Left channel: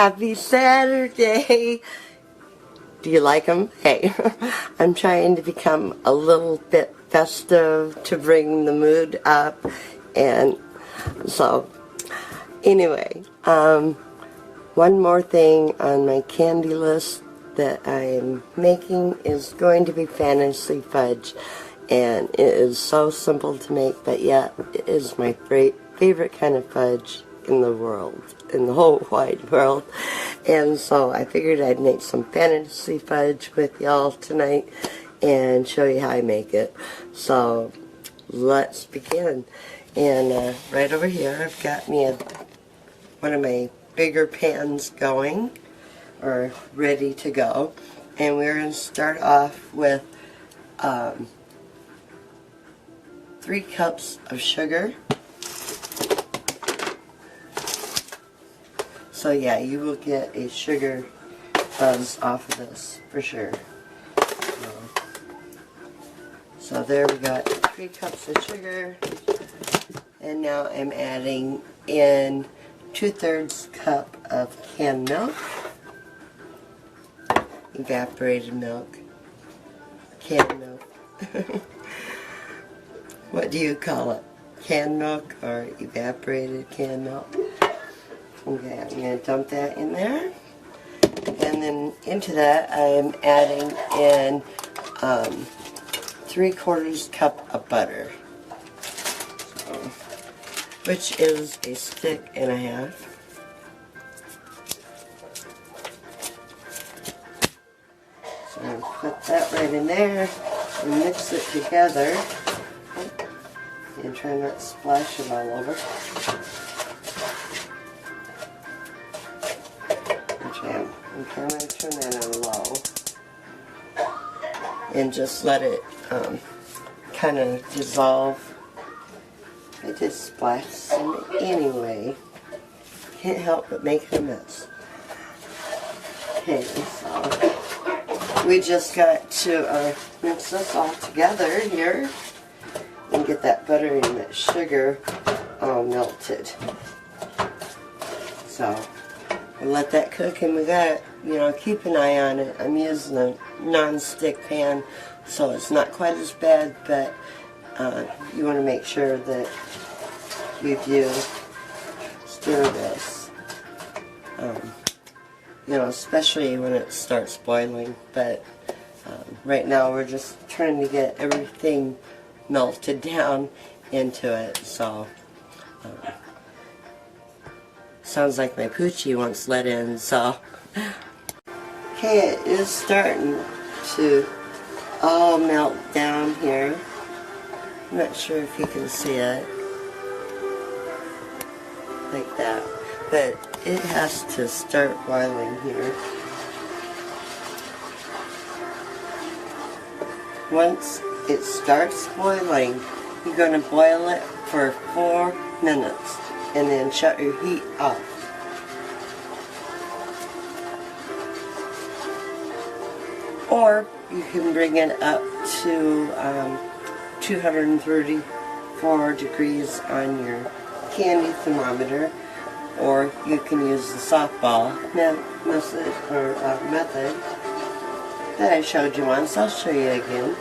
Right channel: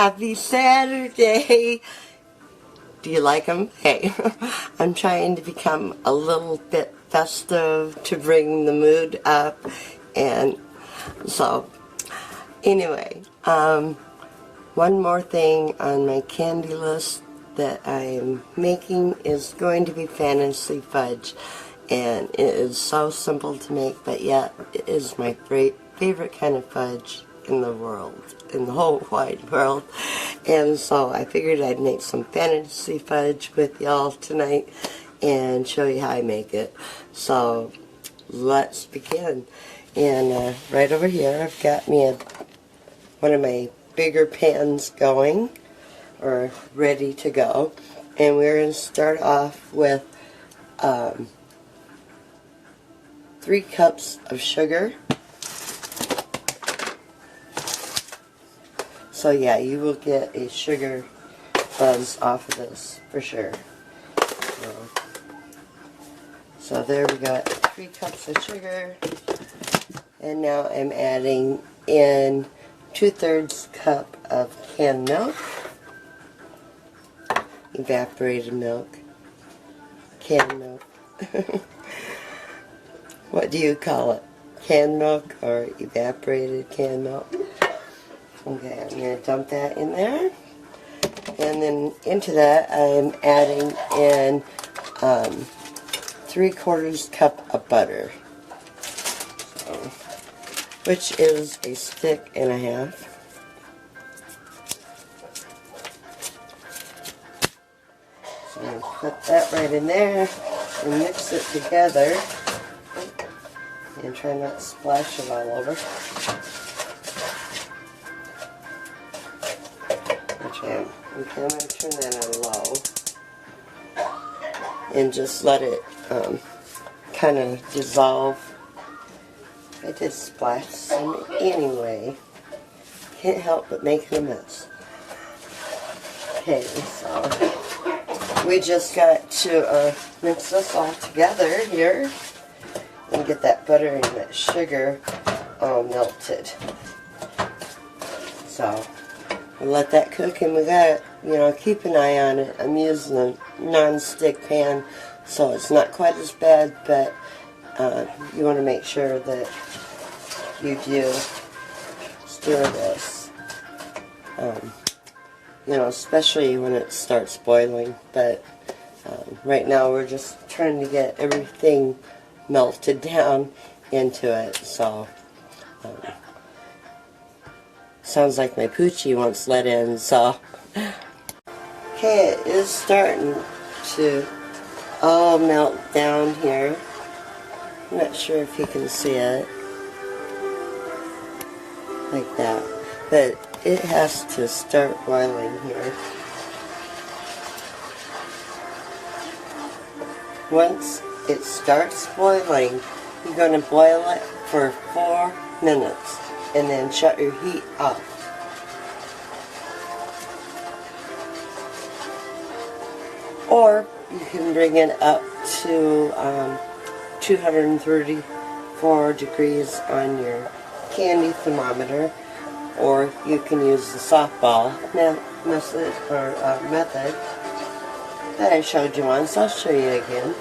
Happy Saturday! Do you like them? Hey, I'm trying to become a little bit festive to bring the mood up, and so anyway, one more thing on my candy list that I'm making is going to be fantasy fudge, and it is so simple to make, but yet it is my favorite kind of fudge in the world, in the whole wide world. And so I figured I'd make some fantasy fudge with y'all tonight and show you how I make it. So let's begin. And right over here I've got me one of my bigger pans going, or ready to go, and we're going to start off with 3 cups of sugar. So yeah, you will get a sugar buzz off of this for sure. So there we got 3 cups of sugar, and now I'm adding in 2/3 cup of canned milk, evaporated milk, canned milk. What do you call it? Canned milk or evaporated canned milk? Okay, I'm going to dump that in there. And then into that I'm adding in 3/4 cup of butter, so, which is a stick and a half. So I'm going to put that right in there and mix it together. And try not to splash it all over. Okay, I'm going to turn that on low and just let it kind of dissolve. It just splashes some anyway. Can't help but make a mess. Okay, so we just got to mix this all together here and get that butter and that sugar all melted. So we'll let that cook, and we got, keep an eye on it. I'm using a non-stick pan, so it's not quite as bad, but you want to make sure that you do stir this, especially when it starts boiling. But right now we're just trying to get everything melted down into it. So sounds like my poochie wants let in. So okay, it is starting to all melt down here. I'm not sure if you can see it like that, but it has to start boiling here. Once it starts boiling, you're going to boil it for 4 minutes and then shut your heat off. Or you can bring it up to 234 degrees on your candy thermometer, or you can use the softball method that I showed you once. I'll show you again.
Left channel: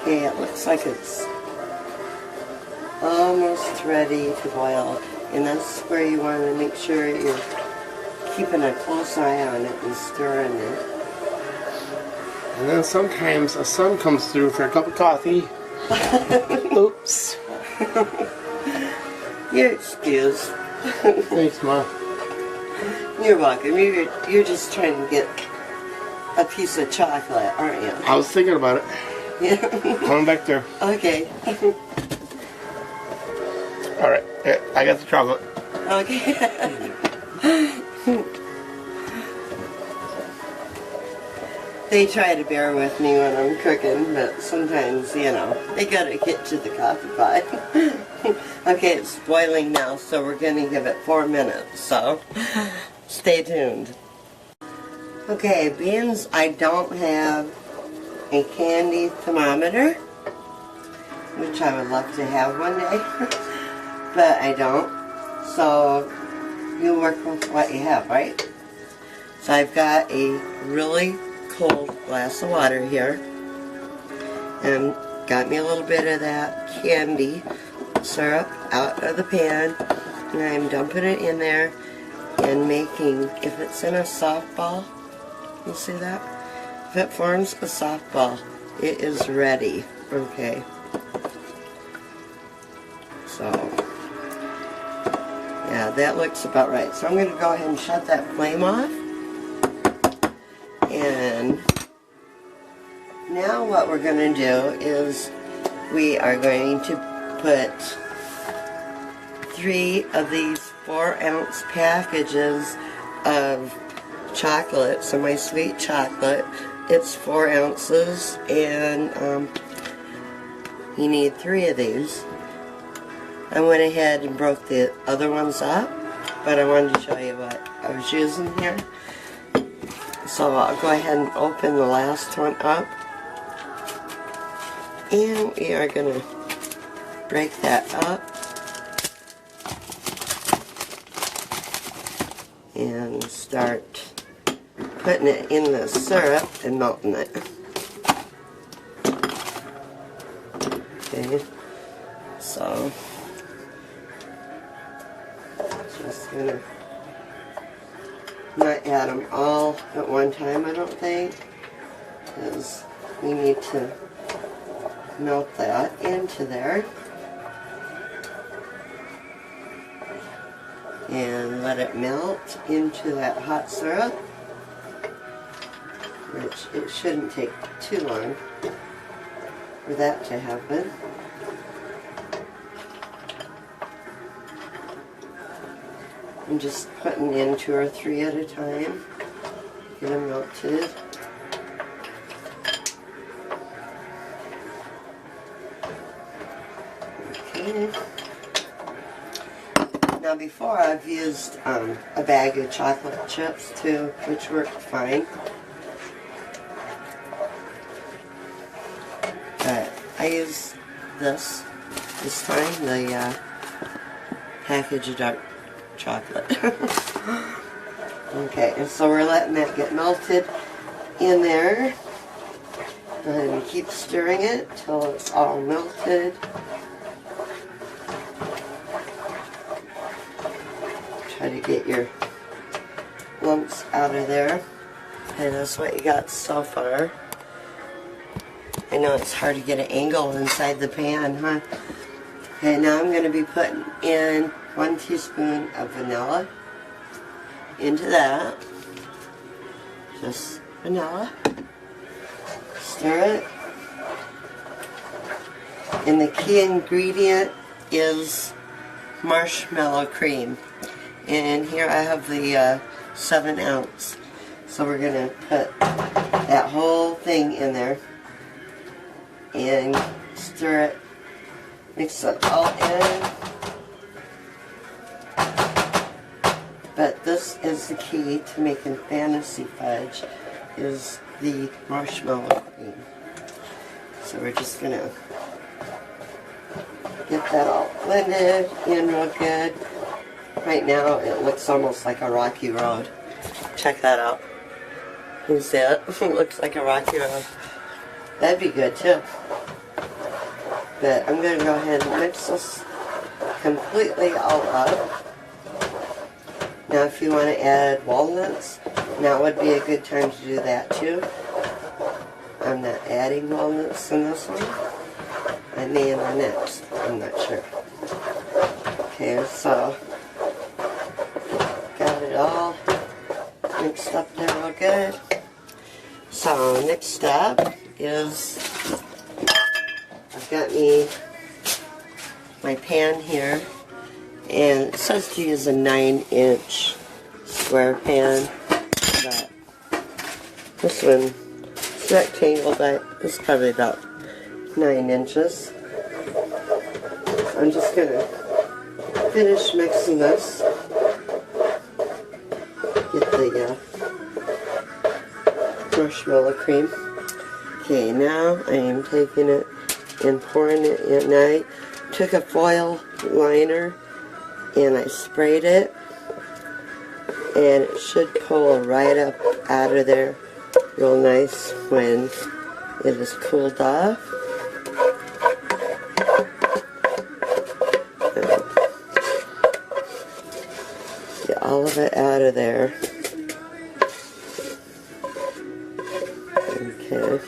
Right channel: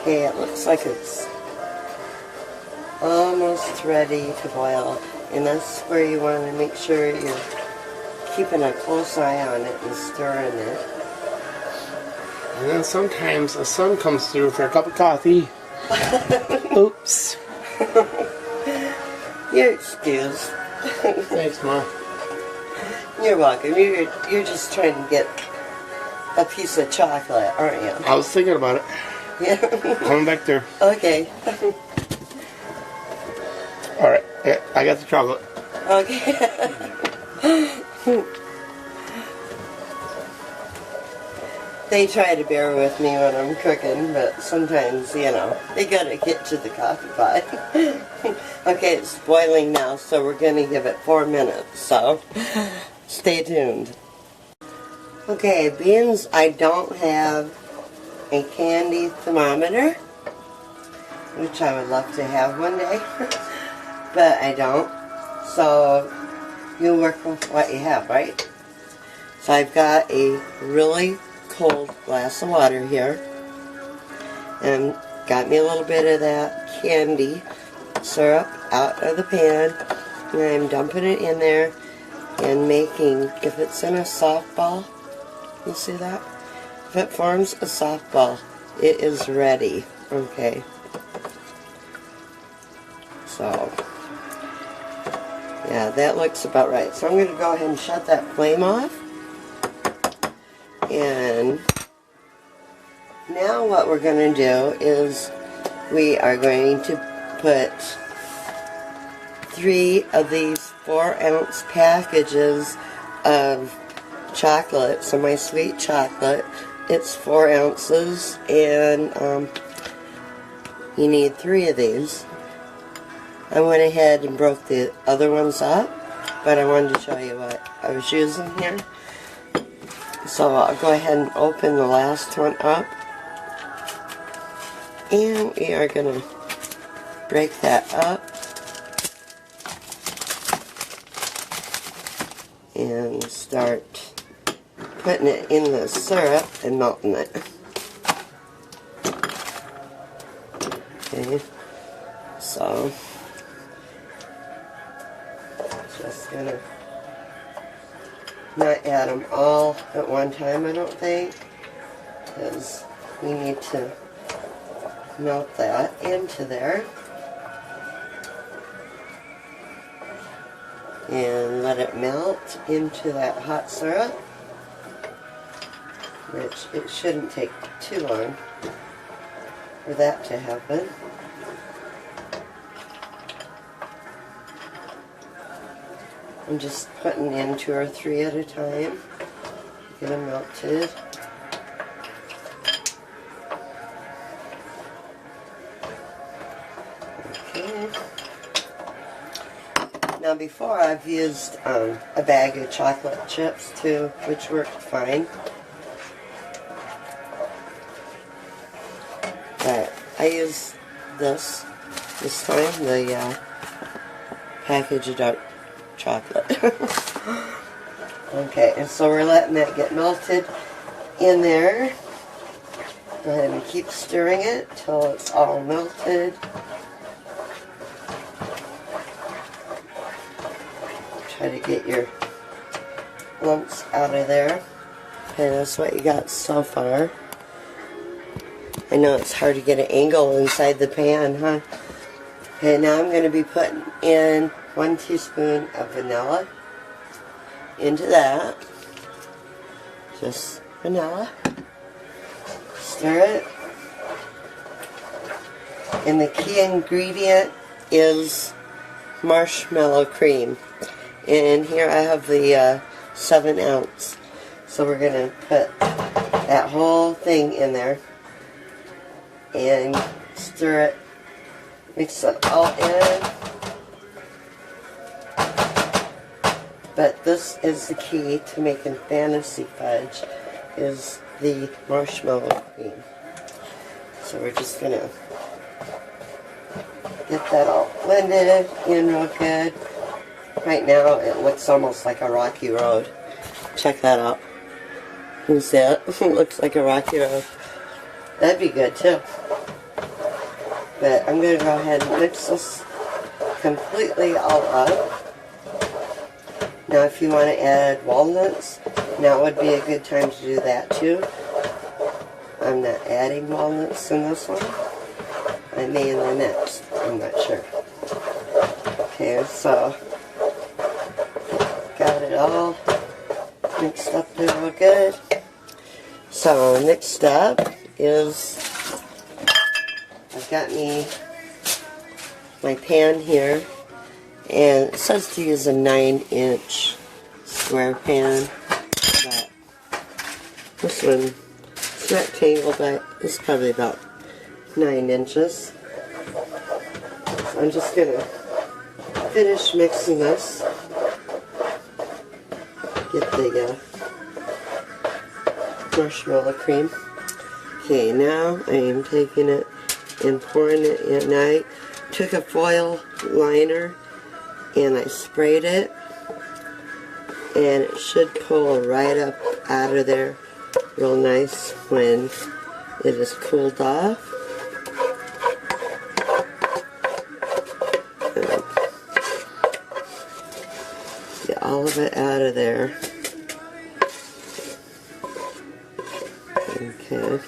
Okay, it looks like it's almost ready to boil, and that's where you want to make sure you're keeping a close eye on it and stirring it. And then sometimes a son comes through for a cup of coffee. Oops. You're excused. Thanks, Ma. You're welcome. You're just trying to get a piece of chocolate, aren't you? I was thinking about it. Coming back there. Okay. Alright, I got the chocolate. Okay. They try to bear with me when I'm cooking, but sometimes, they gotta get to the coffee pot. Okay, it's boiling now, so we're gonna give it 4 minutes, so stay tuned. Okay, being I don't have a candy thermometer, which I would love to have one day, but I don't. So you work with what you have, right? So I've got a really cold glass of water here, and got me a little bit of that candy syrup out of the pan, and I'm dumping it in there and making, if it's in a softball, you see that? If it forms a softball, it is ready, okay? So, yeah, that looks about right. So I'm going to go ahead and shut that flame off. And now what we're going to do is we are going to put 3 of these 4-ounce packages of chocolate. So my sweet chocolate, it's 4 ounces, and you need 3 of these. I went ahead and broke the other ones up, but I wanted to show you what I was using here. So I'll go ahead and open the last one up, and we are going to break that up and start putting it in the syrup and melting it. Okay, so just gonna not add them all at one time, I don't think, because we need to melt that into there and let it melt into that hot syrup, which it shouldn't take too long for that to happen. I'm just putting in 2 or 3 at a time, get them melted. Okay. Now before I've used a bag of chocolate chips too, which worked fine. But I use this time, the package of dark chocolate. Okay, and so we're letting that get melted in there. Go ahead and keep stirring it till it's all melted. Try to get your lumps out of there. Okay, that's what you got so far. I know it's hard to get an angle inside the pan, huh? Okay, now I'm going to be putting in 1 teaspoon of vanilla into that. Just vanilla. Stir it. And the key ingredient is marshmallow cream. And here I have the 7 ounce. So we're going to put that whole thing in there and stir it. Mix it all in. But this is the key to making fantasy fudge, is the marshmallow cream. So we're just going to get that all blended in real good. Right now it looks almost like a rocky road. Check that out. You see it? It looks like a rocky road. That'd be good too. But I'm going to go ahead and mix this completely all up. Now if you want to add walnuts, now would be a good time to do that too. I'm not adding walnuts in this one. I may in the next, I'm not sure. Okay, so got it all mixed up there real good. So next up is, I've got me my pan here, and it says to use a 9-inch square pan, but this one is rectangle, but it's probably about 9 inches. So I'm just going to finish mixing this. Get the marshmallow cream. Okay, now I am taking it and pouring it in. And I took a foil liner and I sprayed it, and it should pull right up out of there real nice when it is cooled off. Get all of it out of there. Okay.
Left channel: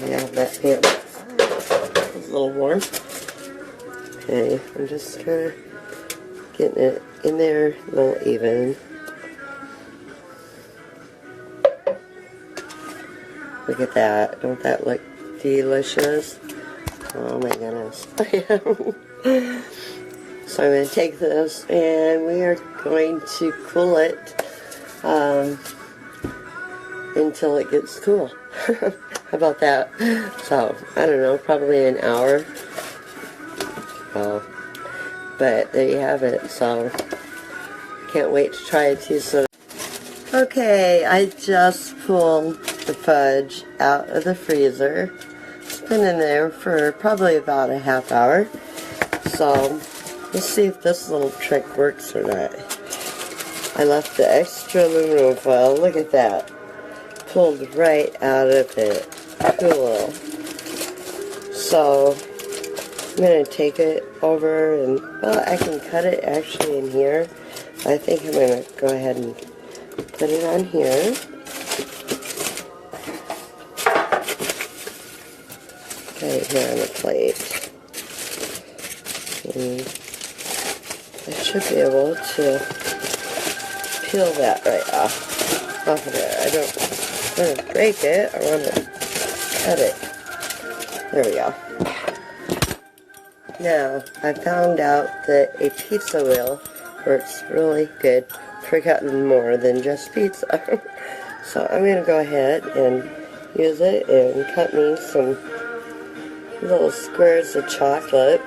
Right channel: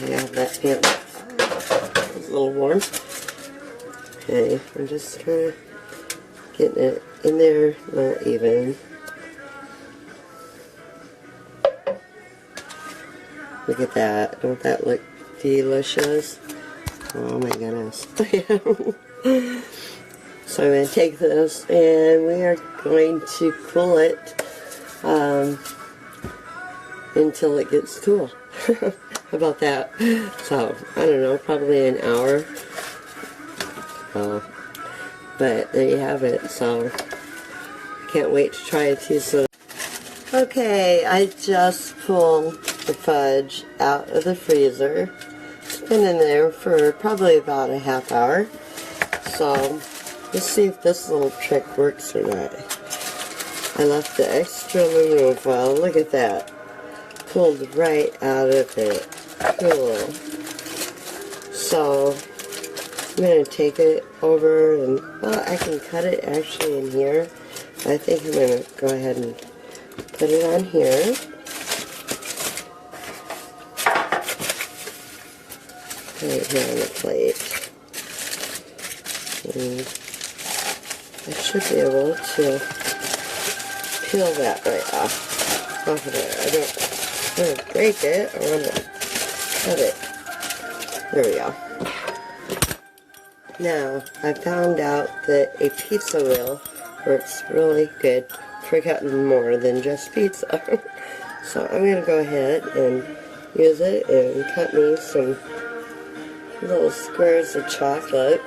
Now that it's a little warm. Okay, I'm just kind of getting it in there a little even. Look at that. Don't that look delicious? Oh my goodness. So I'm going to take this and we are going to cool it until it gets cool. How about that? So, I don't know, probably an hour. But there you have it. So, can't wait to try it too. So, okay, I just pulled the fudge out of the freezer. It's been in there for probably about a half hour. So, let's see if this little trick works or not. I left the extra aluminum foil. Look at that. Pulled right out of it. Cool. So, I'm going to take it over and, well, I can cut it actually in here. I think I'm going to go ahead and put it on here. Right here on the plate. And I should be able to peel that right off of there. I don't want to break it. I want to cut it. There we go. Now, I found out that a pizza wheel works really good for cutting more than just pizza. So I'm going to go ahead and use it and cut me some little squares of chocolate.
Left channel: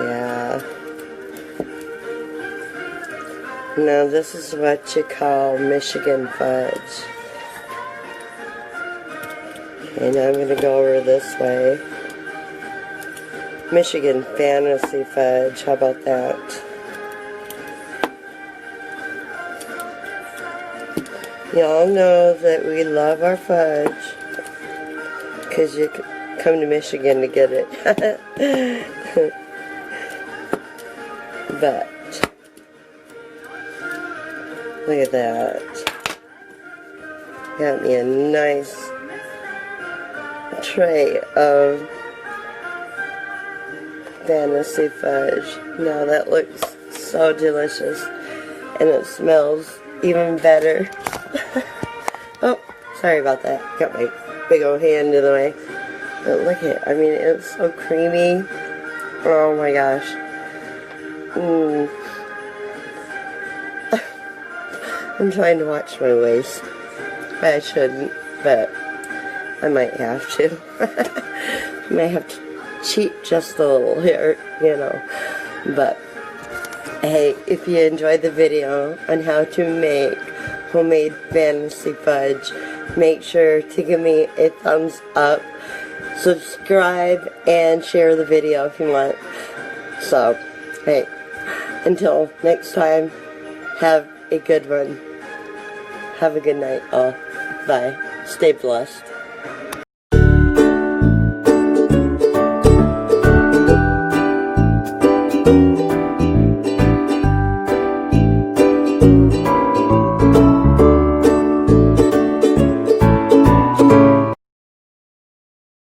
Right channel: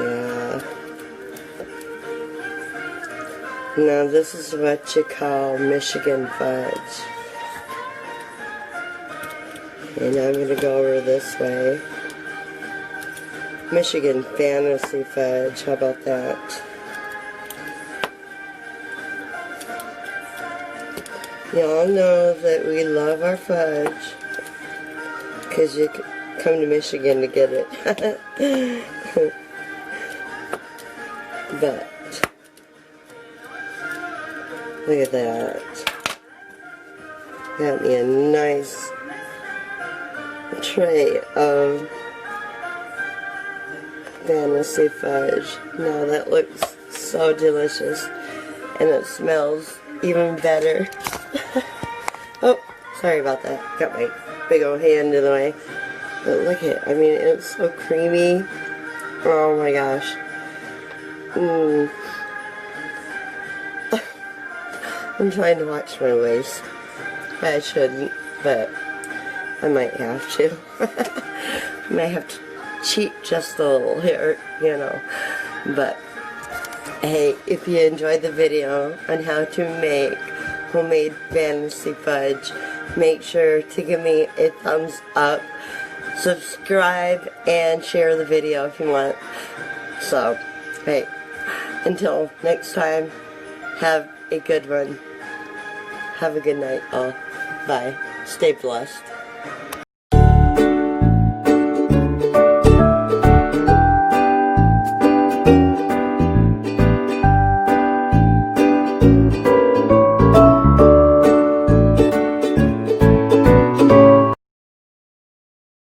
Yeah. Now this is what you call Michigan fudge. And I'm going to go over this way. Michigan fantasy fudge, how about that? Y'all know that we love our fudge because you come to Michigan to get it. But look at that. Got me a nice tray of fantasy fudge. Now that looks so delicious, and it smells even better. Oh, sorry about that. Got my big old hand in the way. But look at it. I mean, it's so creamy. Oh my gosh. I'm trying to watch my waist. I shouldn't, but I might have to. I might have to cheat just a little here, you know. But, hey, if you enjoyed the video on how to make homemade fantasy fudge, make sure to give me a thumbs up, subscribe, and share the video if you want. So, hey, until next time, have a good one. Have a good night, all. Bye. Stay blessed.